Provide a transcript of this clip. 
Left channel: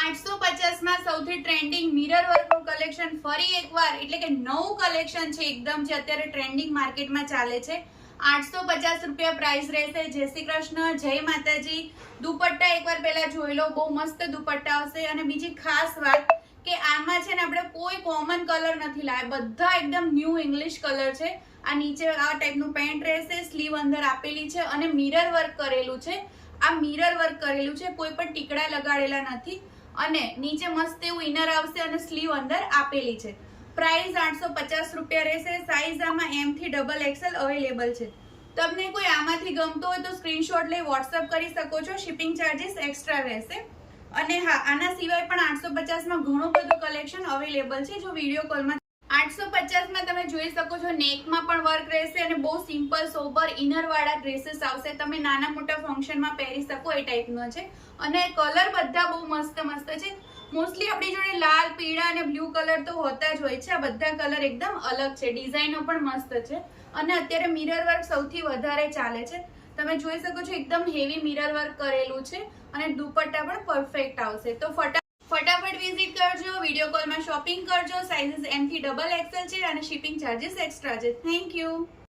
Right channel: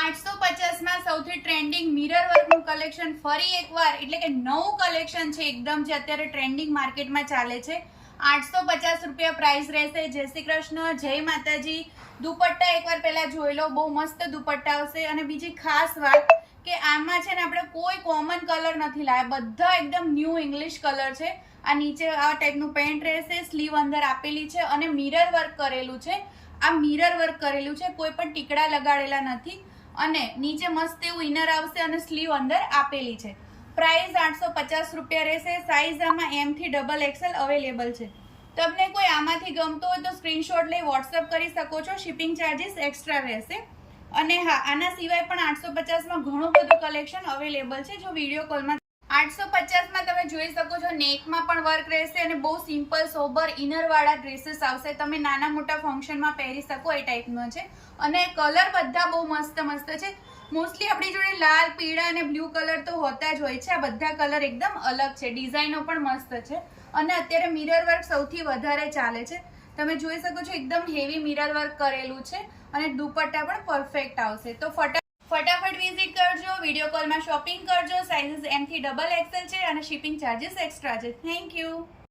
850 માં સૌથી trending mirror વર્કનું collection ફરી એકવાર, એટલે કે નવું કલેક્શન છે એકદમ, જે અત્યારે ટ્રેન્ડિંગ માર્કેટમાં ચાલે છે. 850 રૂપિયા પ્રાઇસ રહેશે. જય શ્રી કૃષ્ણ, જય માતાજી. દુપટ્ટા એકવાર પહેલા જોઈ લો, બહુ મસ્ત દુપટ્ટા આવશે. અને બીજી ખાસ વાત કે આમાં છે ને આપણે કોઈ કોમન કલર નથી લાવ્યા, બધા એકદમ ન્યૂ ઇંગ્લિશ કલર છે. આ નીચે આ ટાઈપનું પેન્ટ રહેશે, સ્લીવ અંદર આપેલી છે અને મિરર વર્ક કરેલું છે. આ મિરર વર્ક કરેલું છે, કોઈ પણ ટીકડા લગાડેલા નથી. અને નીચે મસ્ત એવું ઇનર આવશે અને સ્લીવ અંદર આપેલી છે. પ્રાઇસ 850 રૂપિયા રહેશે. સાઇઝ આમાં M થી XXL અવેલેબલ છે. તમને કોઈ આમાંથી ગમતો હોય તો સ્ક્રીનશોટ લઈ વોટ્સઅપ કરી શકો છો. શિપિંગ ચાર્જીસ એક્સ્ટ્રા રહેશે. અને હા, આના સિવાય પણ 850 માં ઘણું બધું કલેક્શન અવેલેબલ છે. જો વિડીયો કોલમાં 850 માં તમે જોઈ શકો છો, નેકમાં પણ વર્ક રહેશે અને બહુ સિમ્પલ સોબર ઇનર વાળા ડ્રેસીસ આવશે. તમે નાના મોટા ફંક્શનમાં પહેરી શકો એ ટાઈપનો છે. અને કલર બધા બહુ મસ્ત મસ્ત છે. મોસ્ટલી આપણી જોડે લાલ, પીળા અને બ્લુ કલર તો હોતા જ હોય છે. આ બધા કલર એકદમ અલગ છે, ડિઝાઇનો પણ મસ્ત છે. અને અત્યારે મિરર વર્ક સૌથી વધારે ચાલે છે. તમે જોઈ શકો છો, એકદમ હેવી મિરર વર્ક કરેલું છે અને દુપટ્ટા પણ પરફેક્ટ આવશે. તો ફટાફટ વિઝિટ કરજો, વિડીયો કોલમાં શોપિંગ કરજો. સાઇઝીસ M થી XXL છે અને શિપિંગ ચાર્જીસ એક્સ્ટ્રા છે. Thank you.